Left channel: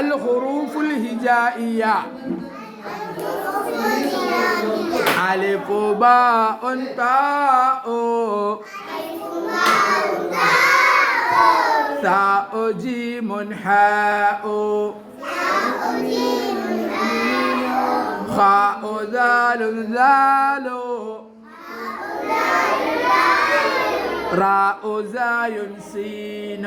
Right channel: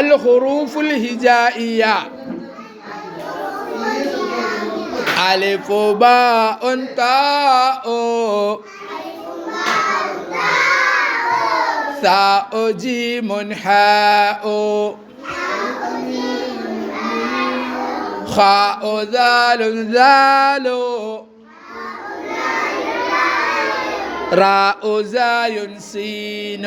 الحروف الهجائية ألف باء تاء ثاء جيم حاء خاء ذال ذال راء زاي سين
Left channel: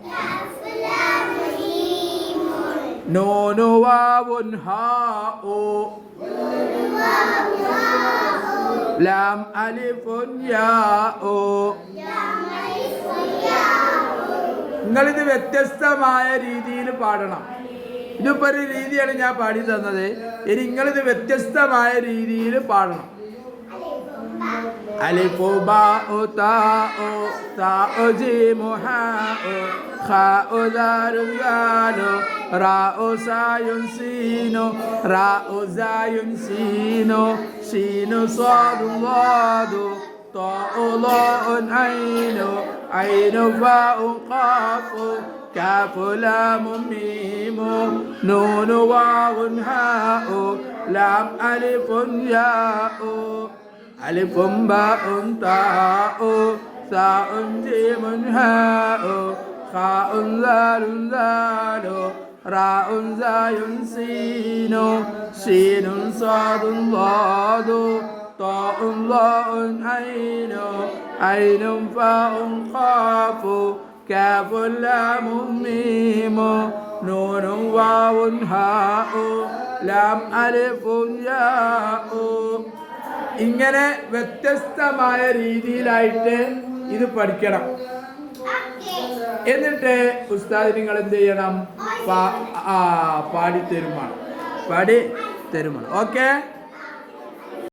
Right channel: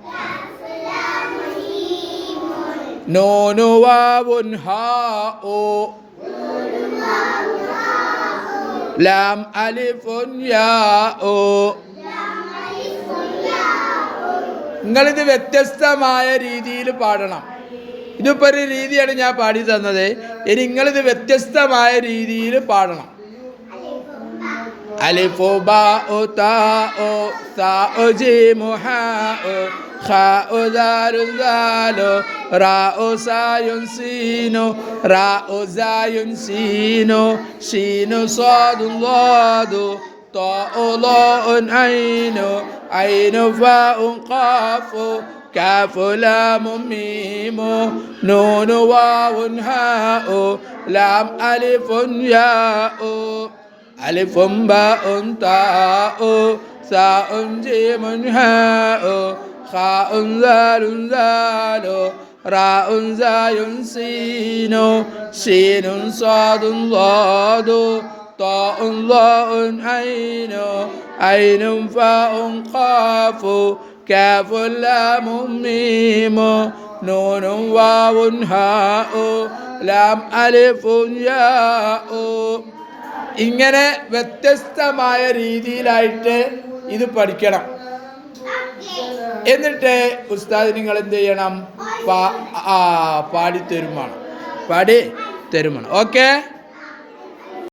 نون واو هاء لام ألف നിങ്ങൾ ഇത് വ്യത്യസ്തമായ രീതിയിൽ പാടണം ഇതിപ്പോ ഒരു രീതിയാണ് ഞാൻ പാടി തന്നത് ഇനി ഇത് വ്യത്യസ്തമായ രീതിയിൽ പാടണം അലിഫോ ബാ ഓ താ ഓ താ ഓ ജി മുഹാ ഓ خاء دار دالو راء ساي سينو راء زاي سينو سين صاد ضاد طاء ضاء عين عين فاء قاف كاف لام ميم نون واو هاء لام ألف ياء ألف باء تاء ثاء جيم هاء خاء زال زال راء زاي سين سين صاد ضاد طاء ضاء عين عين فاء قاف كاف لام ميم نون واو هاء لام ألف ياء ഇങ്ങനെ വ്യത്യസ്തമായ രീതിയിലായിട്ട് ഇത് പഠിക്കണം എന്നിട്ട് ഉസ്താദ് നിങ്ങൾ എന്ത് ചെയ്യണം പാടി തരുമാണ് പാടി തരുമാണ് ഓക്കേ